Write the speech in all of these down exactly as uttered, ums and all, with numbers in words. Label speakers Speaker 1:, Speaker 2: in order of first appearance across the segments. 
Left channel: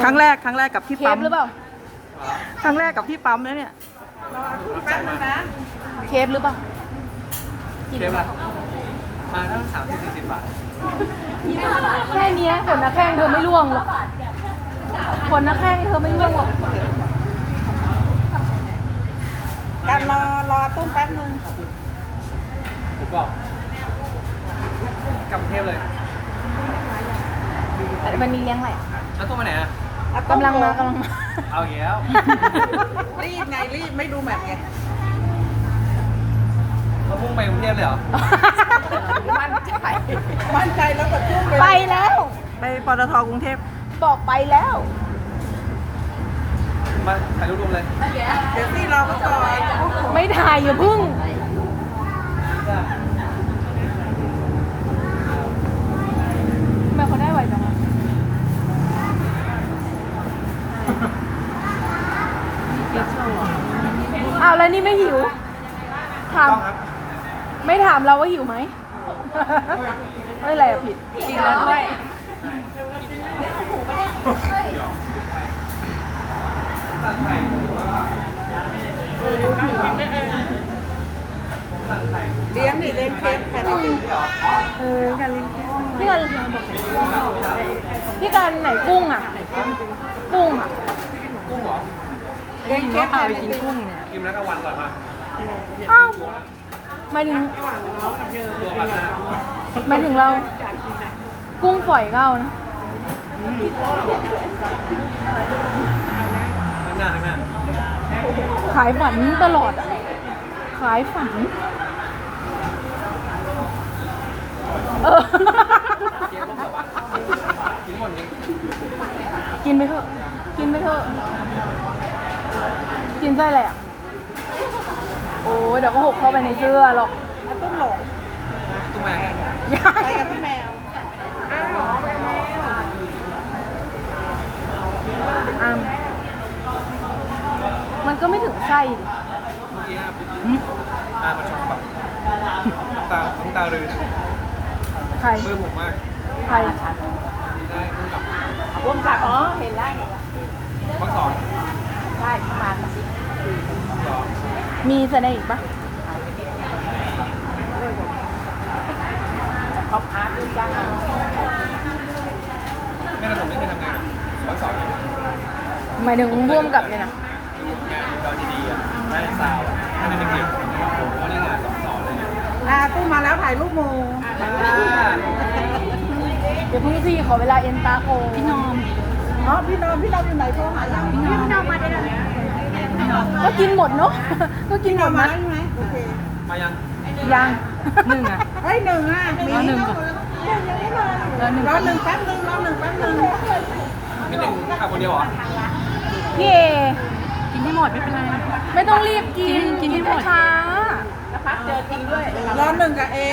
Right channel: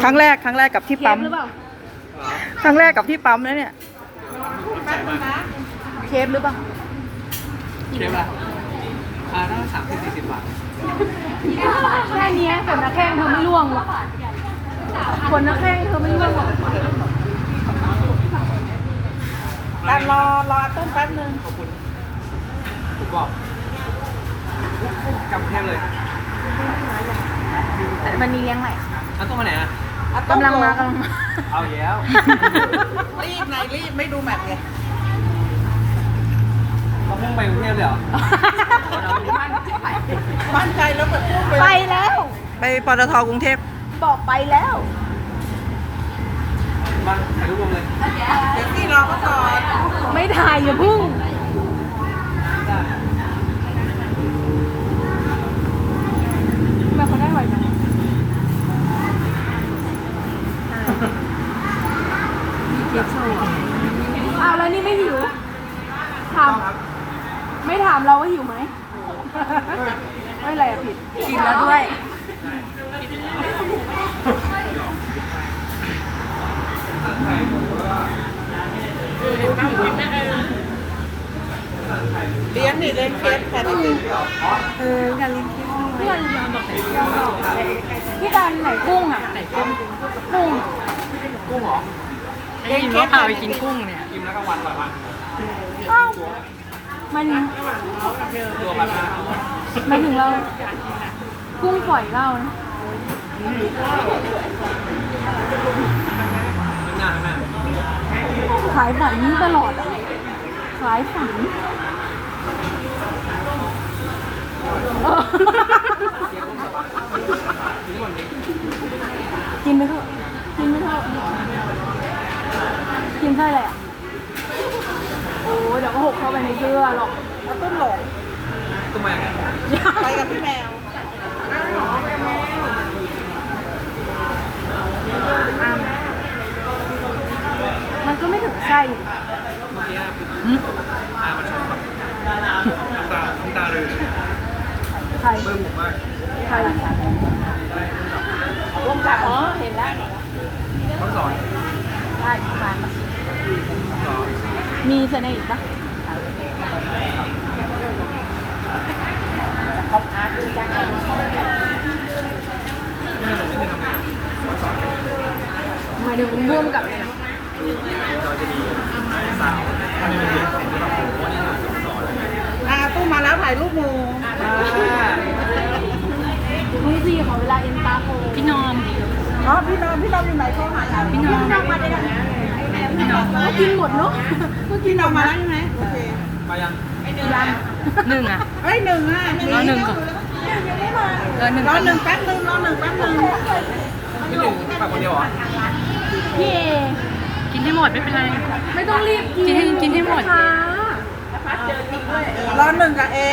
Speaker 1: ครั้งแรกครั้งแรกกับที่ปั๊ม
Speaker 2: หรือเปล่า
Speaker 1: ครั้งแรกกับที่ปั๊มนะเนี่ย
Speaker 2: แป๊บนึงนะเคฟหรือเปล่า
Speaker 3: เชฟละอ่าตั้งสามสิบสี่สิบบาท
Speaker 2: แค่เนี้ยขนนักแข้งเธอไม่ร่วงหรอกขนนักแข้งเธอไม่ร่วงหรอกการรอรอต้นแป๊บนึง
Speaker 3: ขอบคุณถูกบอกกำเทพเลย
Speaker 2: มันมีเลี้ยงอะไรอ่ะ
Speaker 3: อันต้องมาไหนอ่ะ
Speaker 2: กำลังมากำลังมา
Speaker 3: เอาอีกแล้ว
Speaker 4: รีบนายรีบไม่ดูแมพไง
Speaker 3: เราพุ่งไปกรุงเทพเลยเหรอ
Speaker 4: มั่นใจมั่นใจแล้วแบบพุ่งไป
Speaker 2: ไปแล้ว
Speaker 1: ไปปตทกรุงเทพ
Speaker 2: บอกไปแล้ว
Speaker 3: มาถ่ายรูปรวมเลย
Speaker 4: เดี๋ยวพี่รอเขาก่อน
Speaker 2: ไม่ถ่ายอย่าพึ่งทำไมเขาได้ไวจังวะอ้าวแล้วนี่ไม่หิวถามไม่ถามเราว่าหิวไหม ไม่อะไรอะผิด กินแล้วด้วย
Speaker 4: เลี้ยงนี่เลี้ยงเคสแทน
Speaker 2: เออการเลี้ยงพี่การพี่การไหนกุ้งอ่ะกุ้งอ่ะ
Speaker 3: กุ้งเหรอ
Speaker 4: เลี้ยงเคสพาไปกินกุ้งเนี่ย
Speaker 3: กินแล้วก็วันต่อวัน
Speaker 2: อ้าวหมายถึง
Speaker 3: ตัวแบบนั้น
Speaker 2: หมายถึงเรา กุ้งฝอยเรานะ
Speaker 3: หน้าหน้า
Speaker 2: ขายฝันตลอดอ่ะ ขายฝันเออ
Speaker 3: กินหมดนี้
Speaker 2: กินไปเถอะ กินไปเถอะ กินไส้อะไรอ่ะ โอ้ยเดี๋ยวก็หกเข้าไปในเสื้อหรอก
Speaker 4: เอาต้นหลง
Speaker 3: ตุ้มแมง
Speaker 4: ไปกับพี่แมว
Speaker 2: อ้ามมันก็ไม่ถึงไส้ดิ
Speaker 3: เมื่อกี้ตามันชอบแบบตาน้ำตาเลย
Speaker 2: ใคร
Speaker 3: เบื่อหมูมาก
Speaker 2: ใคร
Speaker 4: วงจับอ๋อเห็นแล้ว
Speaker 3: เมื่อสอน
Speaker 4: ใช่ประมาณ
Speaker 3: สอน
Speaker 2: มีเสนออีกปะ
Speaker 4: เขาพาขึ้นย่างกัน
Speaker 3: ไม่ได้ผมไม่เคยทำงานสอน
Speaker 2: หมายถึงร่วมกับเนี่ยนะ
Speaker 3: เราจะดีได้สาวไม่ได้เป็นแบบผมว่าได้งานกับสอน
Speaker 4: อ่าตู้มาแล้วถ่ายรูปหมู
Speaker 2: เดี๋ยวพี่พี่ขอเวลาเอ็นตาโคพี่นอม
Speaker 4: อ๋อพี่นอมพี่นอมอยู่ไหนโทรหายังพี่นอมมาได้แล้วพี่นอม
Speaker 2: ก็กินหมดเนาะก็กิน
Speaker 4: พี่
Speaker 2: ห
Speaker 4: น
Speaker 2: ม
Speaker 4: อม
Speaker 2: ด
Speaker 4: มาแล้วใช่ไหมโอเค
Speaker 3: มายัง
Speaker 2: ยัง
Speaker 1: หนึ่งอ่ะ
Speaker 4: เอ้ยหนึ่งอ่ะมี
Speaker 1: รอหนึ่งก่อน
Speaker 2: ยังไม่มา
Speaker 1: รอหนึ่ง
Speaker 4: รอหนึ่งแป๊บนึงรอหนึ่งแป๊บนึง
Speaker 3: ไม่หนึ่งขับคนเดียวเหรอ
Speaker 2: พี่เอ
Speaker 1: กินให้หมดไม่เป็นไร
Speaker 2: ไม่ต้องรีบกิน
Speaker 1: กินกินให้หมด
Speaker 2: ช้าร
Speaker 4: อหนึ่งกับเอ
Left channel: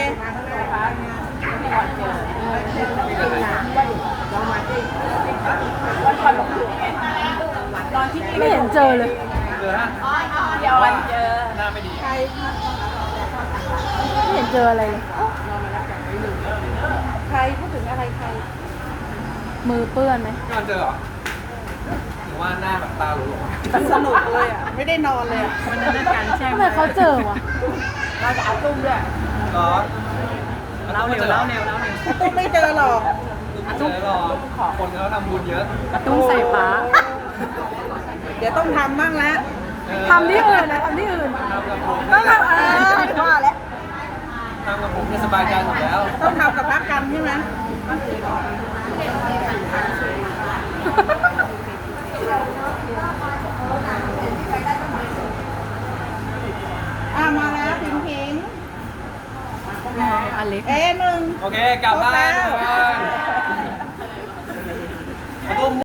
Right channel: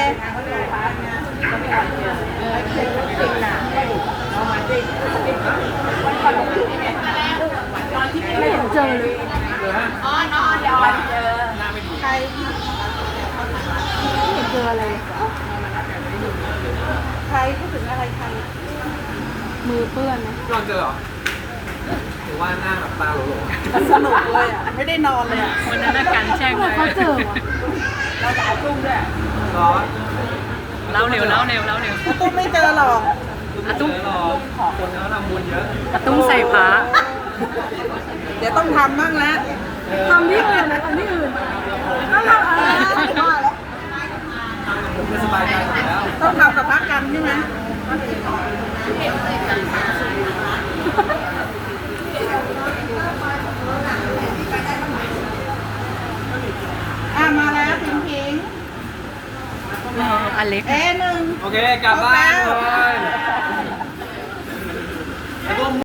Speaker 2: ไม่เห็นเจอเลย
Speaker 4: อ๋ออ๋อเดี๋ยววันเจอใคร
Speaker 2: ไม่เห็นเจออะไร
Speaker 4: ใครพูดถึงอะไรใคร
Speaker 2: มือเปื้อนไหม
Speaker 3: พี่วันเจอเหรอหรือว่าหน้าแบบตาหลง
Speaker 4: สนุกเลยอ่ะไม่ได้นอนเลยอ่ะ
Speaker 1: วันนั้นการแช่ง
Speaker 2: ทำไมเขาเจอวะ
Speaker 4: เราจะเอาตุ้มด้วย
Speaker 3: ๆร้อน
Speaker 1: เล่าเร็วเล่าเร็วเล่าเร็ว
Speaker 4: ตุ้มไม่เจอหรอก
Speaker 3: อาตุ้มรอคนเขาทำบุญเยอะ
Speaker 1: ตุ้งใส่ฟ้า
Speaker 4: เดี๋ยวต้องทำบ้างแล้ว
Speaker 2: ทำที่อื่นนะทำที่อื่นต้องทำอะไรก็แล้ว
Speaker 3: ทำกับผมจะสบายใจหมดแล้ว
Speaker 4: ต้องทำกับพักกันใช่ไหมอ่ะมาแล้วพิงพิง
Speaker 1: อเล็ก
Speaker 4: เอหนึ่ง
Speaker 3: โอเคกลับบ้าน
Speaker 4: ครบแล้ว